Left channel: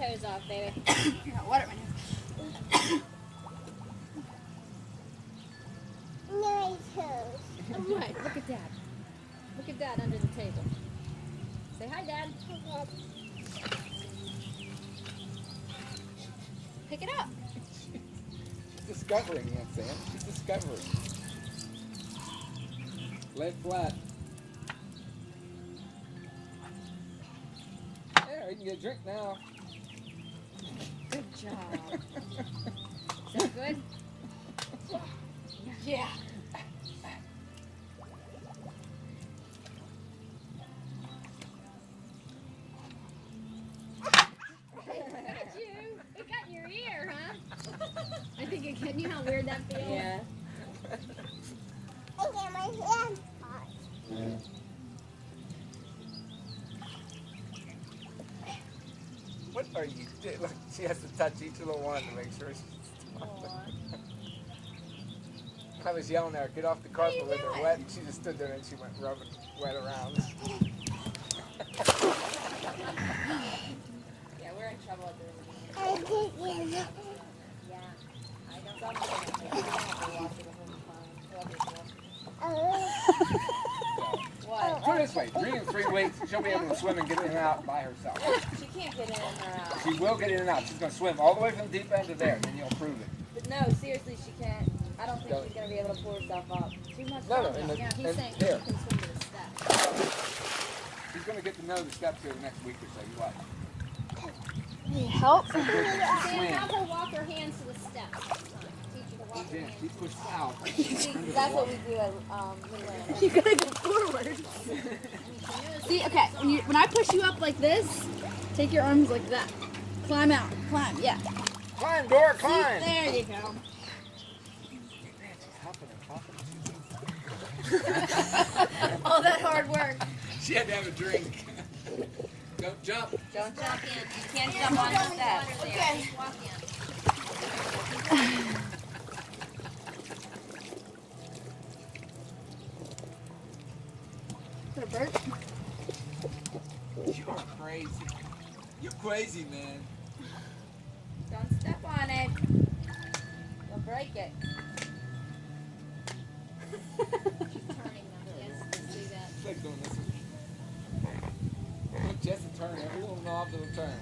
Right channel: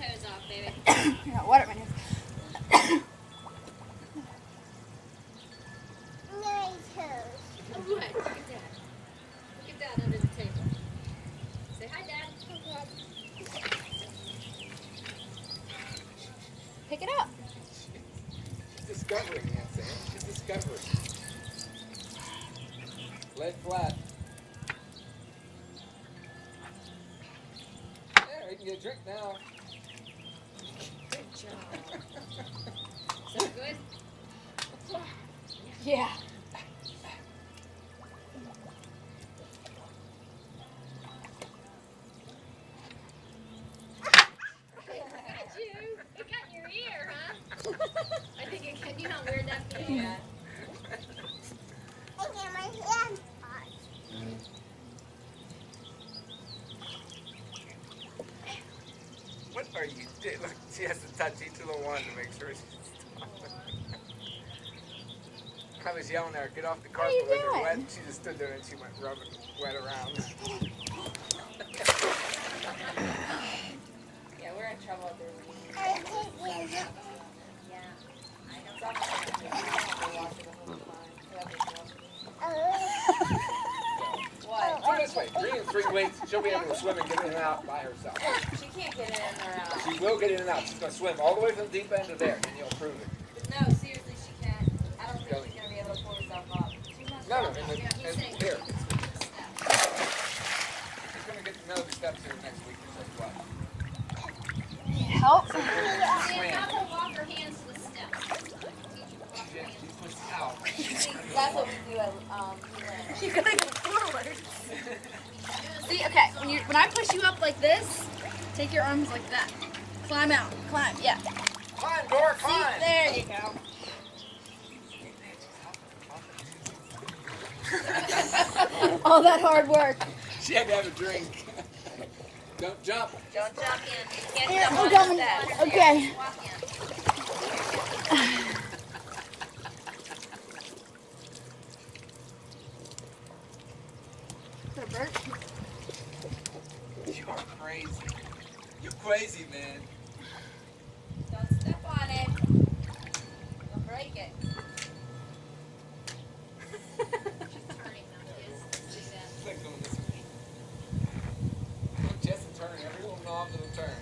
toes off, baby. You got water in here. My toes. Oh, what? Look at Dad. Look at Dad under the table. Say hi, Dad. Pick it up. Discovering that, Sam. She's discovering. Lay flat. There, you can get a drink now. Good job. Is that good? Yeah. It got in your ear, huh? I think it can. You know how weird that feels? Yeah. I got my hand hot. What are you doing? Look, she has to touch each little one to make sure she's I was yelling at her, get off the carpet with her wet. She just stood there and she went rubbing wet around. Yeah, we're in trouble there. Yeah, I don't have to wash it the whole time. What? Put it this way, 3 and 3 weeks, she'll be able to swim and get in and out by herself. She can't get in or out. She will get in and out. She's going to swim all the way from the deep end to there, and you'll prove it. But no, seriously, she can't. I don't think she's going to be able to pull herself up. Too much. No, pressure. in the, He's saying she here. can swim to the steps. She's going to get to know the steps here the next week or so. What? Need help? Sam, have her walk her hands to the steps. Teach her to walk her hands. She pushed out. See, that's what we do at Newland. You gotta go forward. See, okay, when I push you up like this, take your arms like that. Climb out. Climb, yeah. Climb, Dora, See, climb! there you go. All that hard work. She had to have a drink. Don't jump. Don't jump in. You can't Yeah, jump we're on going. the steps. Okay. Walk in. Is that a bird? You are crazy. You're crazy, man. Don't step on it. You'll break it. It's like going this way. Look, Jess will turn. Every little knob will turn.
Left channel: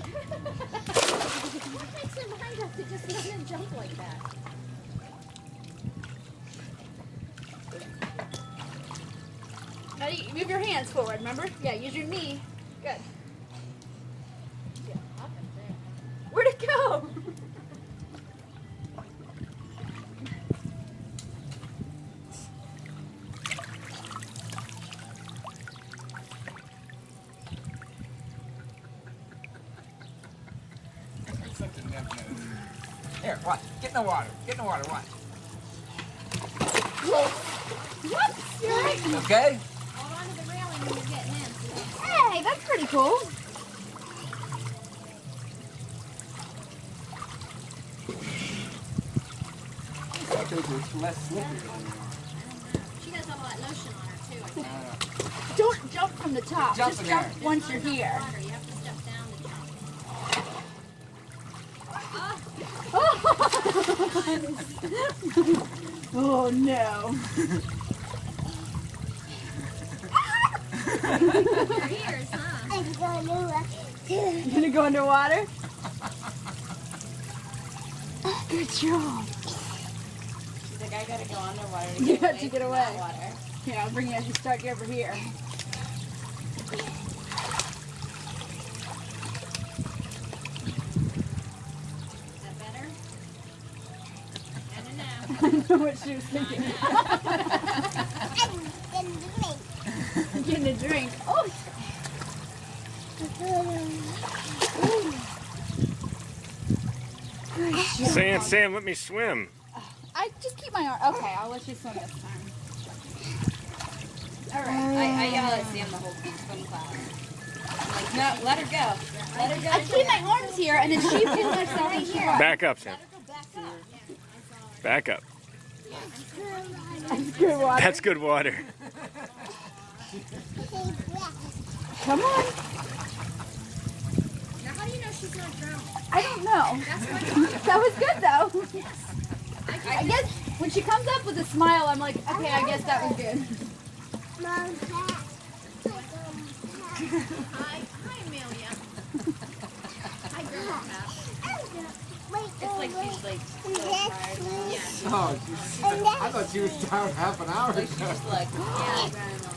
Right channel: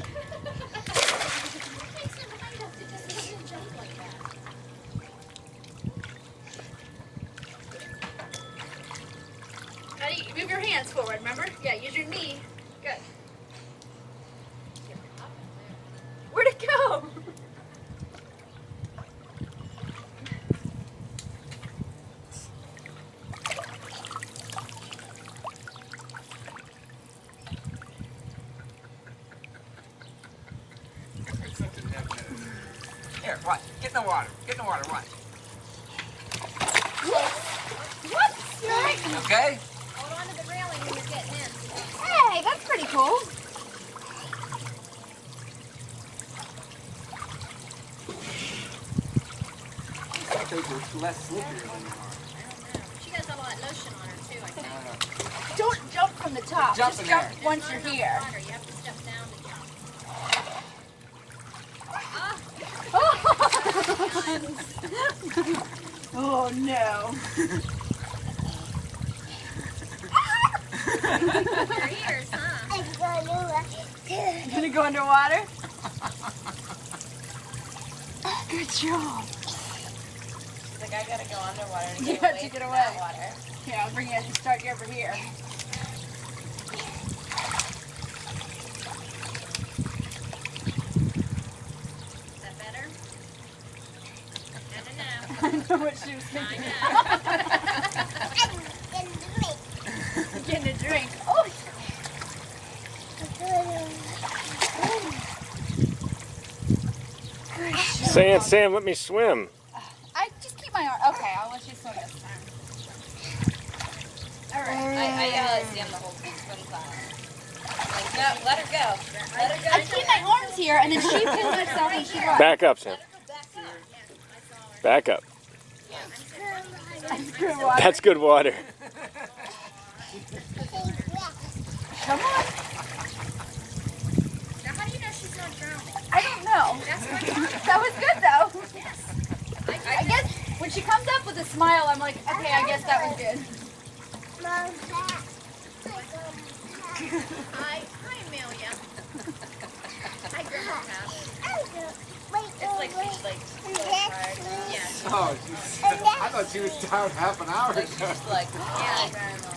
What makes her mind up to just let him jump like that? Ready? Move your hands forward, remember? Yeah, use your knee. Good. Where'd it go? It's such a neb nose. Here, watch. Get in the water. Get in the water. Watch. What? Okay? Hold on to the railing when you're getting in. So you don't Hey, that's pretty cool. I think it's less slipperier than you are. I don't know. She has all that lotion on her too. Like that. Don't jump from the top. Jump Just in jump there. once you're Not enough here. water. You have to step down to jump. Oh no. Your ears, huh? You gonna go underwater? Good job. She's like, I gotta go underwater to You get have away to get from away. that water. Here, I'll bring you as you start you over here. Is that better? No, no, no. I know what she was thinking. Getting a drink. Oh. Sam, let me swim. I just keep my arm. Okay, I'll let you swim this time. All right. I yell at Sam the whole swim class. I'm like, no, let her go. Let her go. I keep my arms here, and then she pulls herself and she runs. Back up, Sam. Let her go back up. Back up. That's good water. That's good water. Come on. smile, I'm like, okay, I guess that was good. Mom, Hi, Amelia. Hi, Grandma Cat. Oh, I thought she was down half an hour ago. She's like, yeah, Grandma.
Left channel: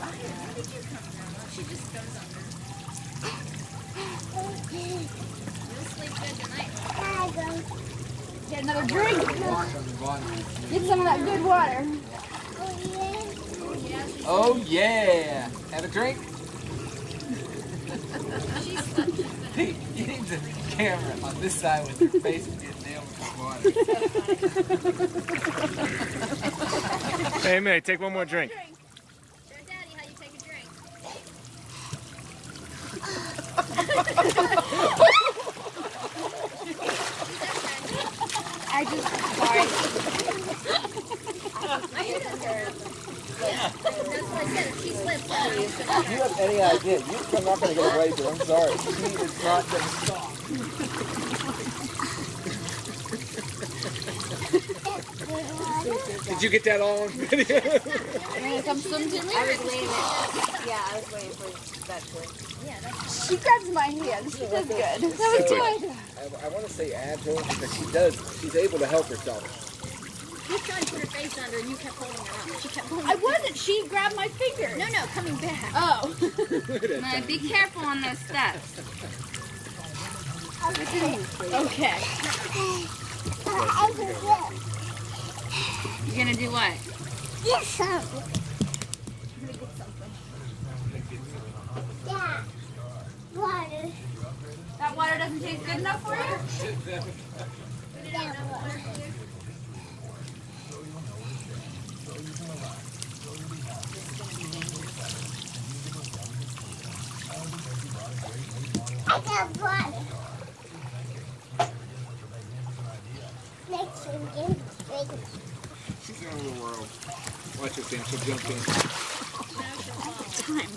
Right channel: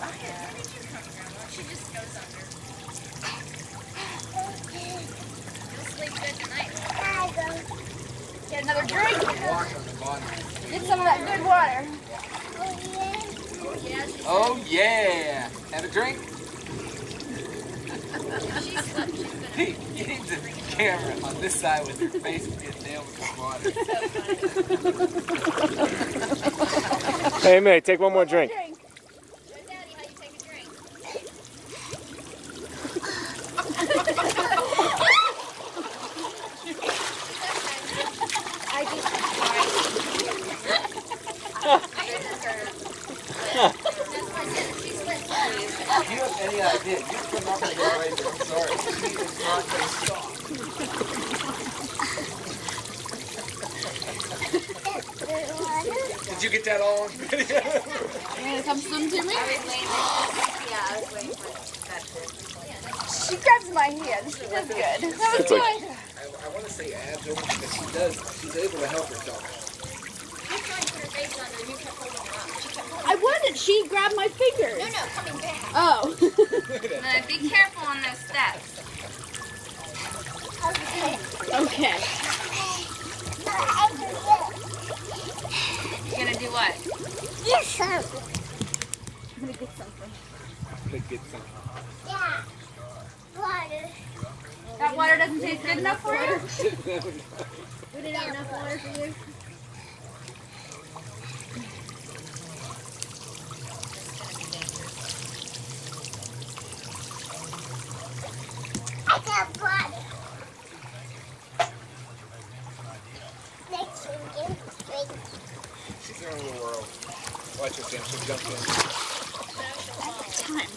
She just goes under. You'll sleep good tonight. Get another drink. Get some of that good water. Oh yeah! Have a drink? Hey, you need the camera on this side with your face getting nailed with the water. Hey, May, take one more drink. Daddy, how you take a drink? If you have any idea, you're not going to get away with it. I'm sorry. She is not going to stop. Did you get that all on video? You want to come swim to me? I was waiting for that to. She grabs my hand. She does good. That was It's like- good. I want to say add to her because she's able to help herself. You tried to put your face under and you kept holding it up. She kept holding I wasn't. She grabbed my fingers. No, coming back. Oh. Now, be careful on those steps. Okay. You're gonna do what? Yes, sir. I'm gonna get something. Yeah. Water. That water doesn't taste good enough for you? We didn't have enough water for you. I got water. Next one, She's in her little world. Watch her, Sam. She'll jump in. Time.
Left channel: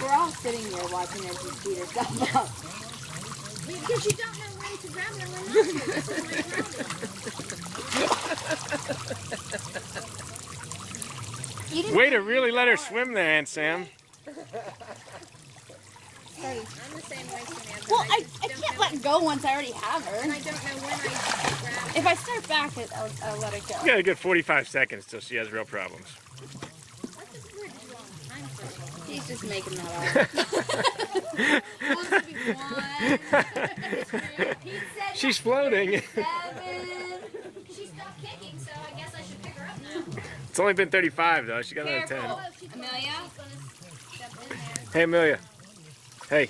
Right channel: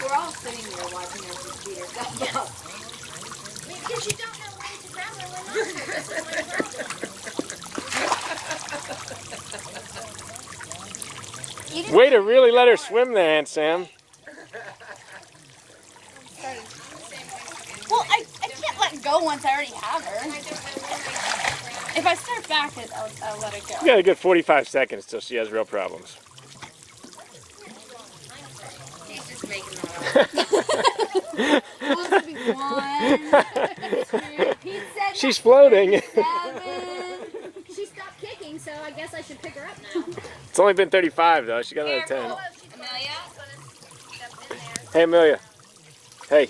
We're all sitting there watching her just beat herself up. Because you don't know when to grab her when not to. That's my problem. Way to really let her swim there, Aunt Sam. Well, I can't let go once I already have her. I don't know when I grab If I start back, I'll let it go. You got a good 45 seconds till she has real problems. He's just making that Well, it's gonna be 1, 2, Pete said She's floating. 7. She stopped kicking, so I guess I should pick her up now. It's only been 35 though. She got another 10. Amelia? Hey, Amelia. Hey.